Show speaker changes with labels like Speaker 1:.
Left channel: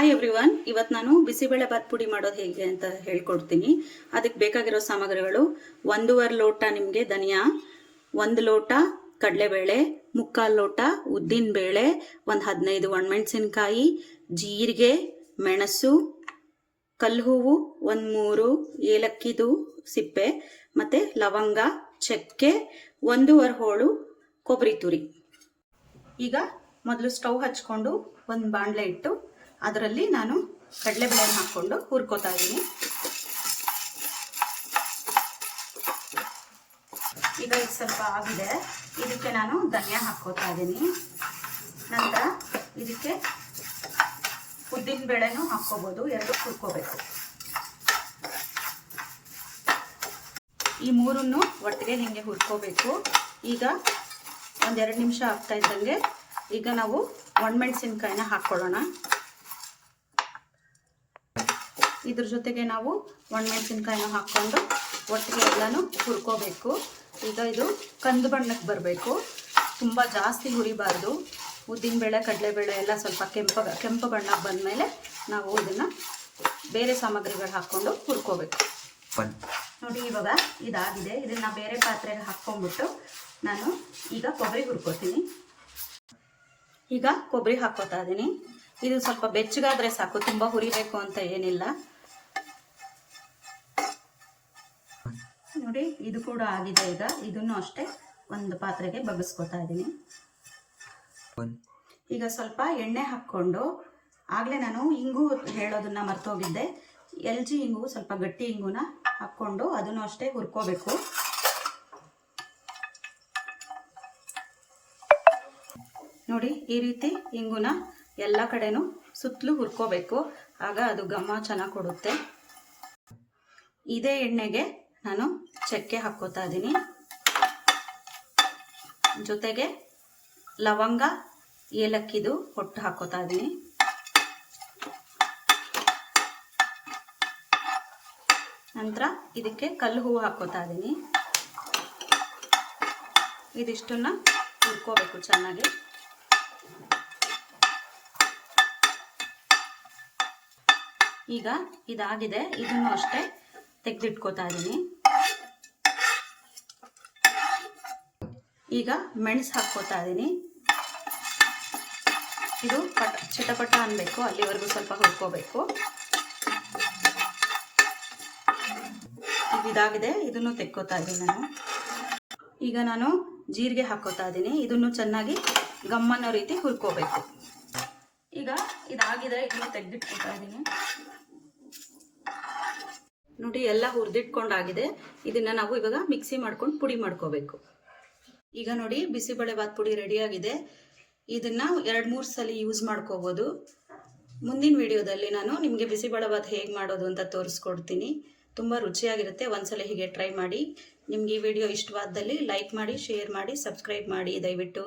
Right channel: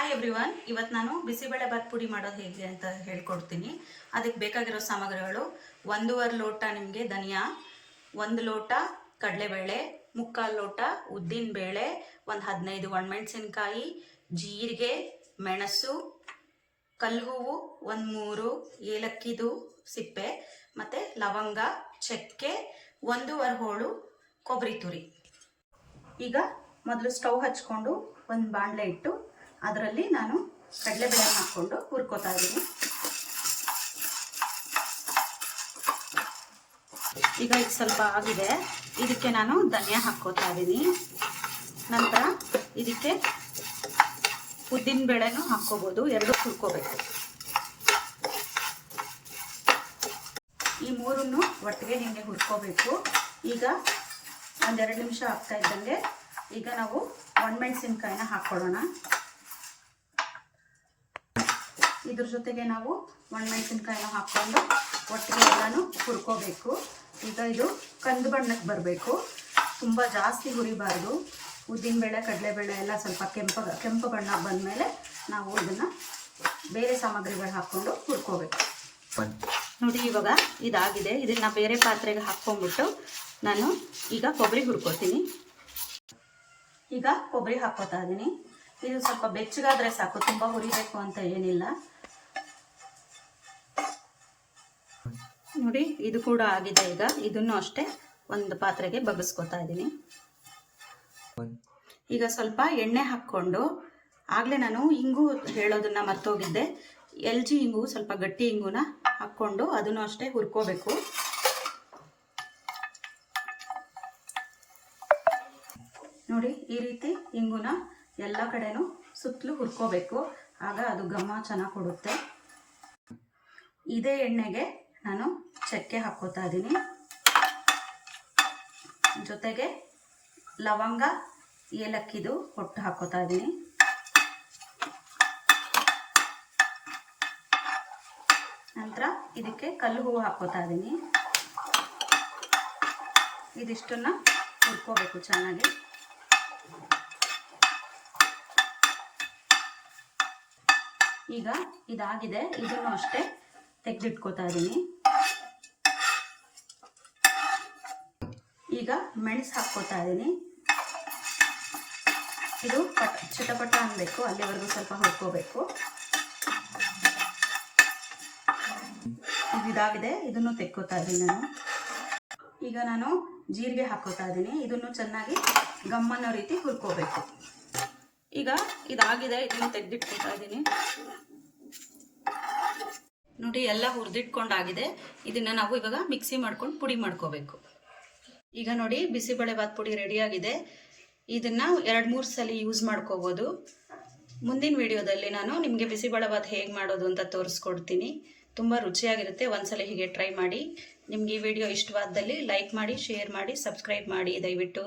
Speaker 1: Hi everyone ಇವತ್ತು ನಾನು ಬಿಸಿಬೇಳೆ ಭಾತ್ ಪುಡಿ ಮಾಡೋದು ಹೇಗೆ ಅಂತ ಹೇಳ್ಕೊಡ್ತೀನಿ. ಅದಕ್ಕೆ ಬೇಕಾಗಿರೋ ಸಾಮಗ್ರಿಗಳು ಒಂದೂವರೆ ಲೋಟ ನಿಮಗೆ ಧನಿಯಾ, ಒಂದು ಲೋಟ ಕಡಲೆಬೇಳೆ, ಮುಕ್ಕಾಲು ಲೋಟ ಉದ್ದಿನ ಬೇಳೆ, ಒಂದು ಹದಿನೈದು ಒಣಮೆಣಸಿನ್ಕಾಯಿ, ಜೀರಿಗೆ, ಮೆಣಸು, ಕಲ್ಲು ಹೂವು, ಒಂದು ಮೂರು ಏಲಕ್ಕಿದು ಸಿಪ್ಪೆ, ಮತ್ತು ಲವಂಗ, ಚಕ್ಕೆ, ಒಂದೂವರೆ ಹೋಳು ಕೊಬ್ಬರಿ ತುರಿ. ಈಗ ಮೊದಲು ಸ್ಟವ್ ಹಚ್ಕೊಂಡು ಒಂದು ಬಾಣಲೆ ಇಟ್ಟು ಅದರಲ್ಲಿ ನಾನು ಕಡಲೆಬೇಳೆನ ಹಾಕ್ಕೊಂಡು ಹುರ್ಕೋತಾ ಇದ್ದೀನಿ. ಈಗ ಇದು ಸ್ವಲ್ಪ ಆಗಿದೆ. ಇದಕ್ಕೆ ನಾನು ಧನಿಯಾ ಹಾಕ್ಕೋತಾ ಇದ್ದೀನಿ. ನಂತರ ಇದಕ್ಕೆ ಉದ್ದಿನ ಬೇಳೆನೂ ಹಾಕ್ಕೋಬೋದು. ಎರಡು ಹುರ್ಕೋಬೇಕು. ಈ ಮೂರನ್ನು ಒಟ್ಟಿಗೆ ಹಿಂಗೆ ಹುರ್ಕೋಬೇಕು. ಈಗ ಒಂದೆರಡು ನಿಮಿಷ ಆಗ್ತಾ ಇದ್ದಂಗೆ ಈಗ ನಾವು ಒಣಮೆಣಸಿನ್ಕಾಯಿನ ಹಾಕ್ಕೊಳ್ಳೋಣ. ಇದ್ರ ಜೊತೆಗೆ ನಾವು ಒಣಮೆಣಸಿನ್ಕಾಯಿನ ಹಾಕ್ಕೊಂಡು ಒಟ್ಟಿಗೆ ಎಲ್ಲನೂ ಹುರ್ಕೋಬೇಕು. ಈಗ ಇದು ಕಂದು ಬಣ್ಣಕ್ಕೆ ಬರಬೇಕು. ತುಂಬ ಜಾಸ್ತಿ ಹುರಿಬಾರ್ದು. ಉದ್ದಿನಬೇಳೆ ಕಡಲೆಬೇಳೆ ಎಲ್ಲ ಸ್ವಲ್ಪ ಕೆಂಪ ಕೆಂಪು ಬಣ್ಣಕ್ಕೆ ಬಂದಮೇಲೆ ನಾವು ಇದನ್ನು ಬೇರೆ ಸಾಮಗ್ರಿಗಳು ಹಾಕ್ಕೊಂಡು ಹುರ್ಕೋಬೇಕು. ನೋಡಿ ಇವಾಗ ಇದಾಗಿದೆ. ಇದನ್ನು ಬೇರೆ ಪಾತ್ರೆಗೆ ಹಾಕ್ಕೊಂಡ್ಬಿಟ್ಟು ನಾನು ಈಗ ಕೊಬ್ಬರಿ ಹುರ್ಕೋತೀನಿ. ಈಗ ಕೊಬ್ಬರಿ ಹಾಕ್ಕೋತಾ ಇದ್ದೀನಿ ಇದು ಸ್ವಲ್ಪ ಬೆಚ್ಚಗಾದ್ರೆ ಸಾಕು. ತುಂಬ ಹುರಿಬೇಕು ಅಂತ ಏನಿಲ್ಲ. ನೋಡಿ, ಇದು ಕೂಡ ಆಗಿದೆ ಈಗ. ಇದನ್ನು ಅಷ್ಟೇ ಒಂದು ಪಾತ್ರೆಗೆ ಬಗ್ಸ್ಕೊತಾ ಇದ್ದೀನಿ. ಈಗ ಸ್ವಲ್ಪ ಎಣ್ಣೆ ಹಾಕ್ಕೊಂಡು, ಆಗಲೇ ನಾನು ಇಂಗು ಹೇಳೋದನ್ನ ಮರ್ತೋಗಿದ್ದೆ. ಎಲ್ ಜಿ ಇಂಗು ಸ್ವಲ್ಪ ಗಟ್ಟಿ ಇಂಗುನ ಹಾಕ್ಕೊಂಡು ಅದನ್ನು ಅಷ್ಟೇ ಹುರ್ಕೋಬೇಕು. ನೋಡಿ, ಈ ರೀತಿ ಇಂಗುನ ಎಲ್ಲ ಕಡೆನೂ ಸುತ್ತಲೂ ಹುರ್ಕೋಬೇಕು. ಆಗ ಅದು ಘಮ ಚೆನ್ನಾಗಿ ಕೊಡುತ್ತೆ. ಇದೇ ಎಣ್ಣೆಗೆ ನಾನು ಚಕ್ಕೆ ಹಾಕ್ಕೋತಾ ಇದ್ದೀನಿ ಜೊತೆಗೆ ಲವಂಗ, ಏಲಕ್ಕಿದು ಹೊಟ್ಟು ಹಾಕೋತಾ ಇದ್ದೀನಿ ನಂತರ ಇದಕ್ಕೆ ಕಲ್ಲು ಹೂವು ಹಾಕ್ಕೋತಾ ಇದ್ದೀನಿ ಇದಿಷ್ಟನ್ನ ಹುರ್ಕೋಬೇಕು ಚೆನ್ನಾಗಿ. ಈಗ ಇದಾಗಿದೆ, ಇದನ್ನು ಅಷ್ಟೇ ತೆಗೆದಿಟ್ಕೋತಾ ಇದ್ದೀನಿ ಈಗ ಮೆಣಸು ಹಾಕ್ಕೋತಾ ಇದ್ದೀನಿ ಇದು ಪಟ್ ಚಟಪಟ ಅನ್ಬೇಕು, ಅಲ್ಲಿವರೆಗೂ ಸ್ವಲ್ಪ ಹುರ್ಕೋಬೇಕು. ಇದಾಗಿದೆ, ಇದನ್ನು ತೆಕ್ಕೋತಾ ಇದ್ದೀನಿ ನಾನು. ಈಗ ನಾನು ಜೀರಿಗೆ ಹಾಕೋತಾ ಇದ್ದೀನಿ ಇದನ್ನು ಚೆನ್ನಾಗಿ ಗಮ್ಮನ್ನೋ ರೀತಿ ಹುರ್ಕೋಬೇಕು. ಈಗ ಇದಾಗಿದೆ, ಇದನ್ನು ತೆಗೆದಿಟ್ಕೋತಾ ಇದ್ದೀನಿ ನೋಡಿ ಎಲ್ಲ ಹುರಿದಿಟ್ಕೊಂಡಾಗಿದೆ. ಇದನ್ನು ನಾವು ಇವಾಗ ಮಿಕ್ಸಿ ಮಾಡ್ಕೊಂಡು ಪುಡಿ ಮಾಡ್ಕೋಬೇಕು. ಈಗ ನೋಡಿ ಬಿಸಿಬೇಳೆಬಾತ್ ಪುಡಿ ರೆಡಿಯಾಗಿದೆ ಇದನ್ನು ಎರಡು ಮೂರು ಸಲ ಯೂಸ್ ಮಾಡ್ಕೋಬೋದು. ಮುಂದಿನ ವಿಡಿಯೋದಲ್ಲಿ ನಾನು ನಿಮಗೆ ಬಿಸಿಬೇಳೆಬಾತ್ ಹೇಗೆ ಮಾಡೋದು ಅಂತ ತೋರಿಸ್ಕೊಡ್ತೀನಿ. ತುಂಬ ರುಚಿಯಾಗಿರುತ್ತೆ. ಒಂದ್ಸಲ ಹೀಗೆ ಟ್ರೈ ಮಾಡಿ. ನಿಮಗೆ ಈ ವಿಡಿಯೋ ಇಷ್ಟವಾದಲ್ಲಿ ಲೈಕ್ ಮಾಡಿ ಶೇರ್ ಮಾಡಿ ಸಬ್ಸ್ಕ್ರೈಬ್ ಮಾಡಿ ದಯವಿಟ್ಟು.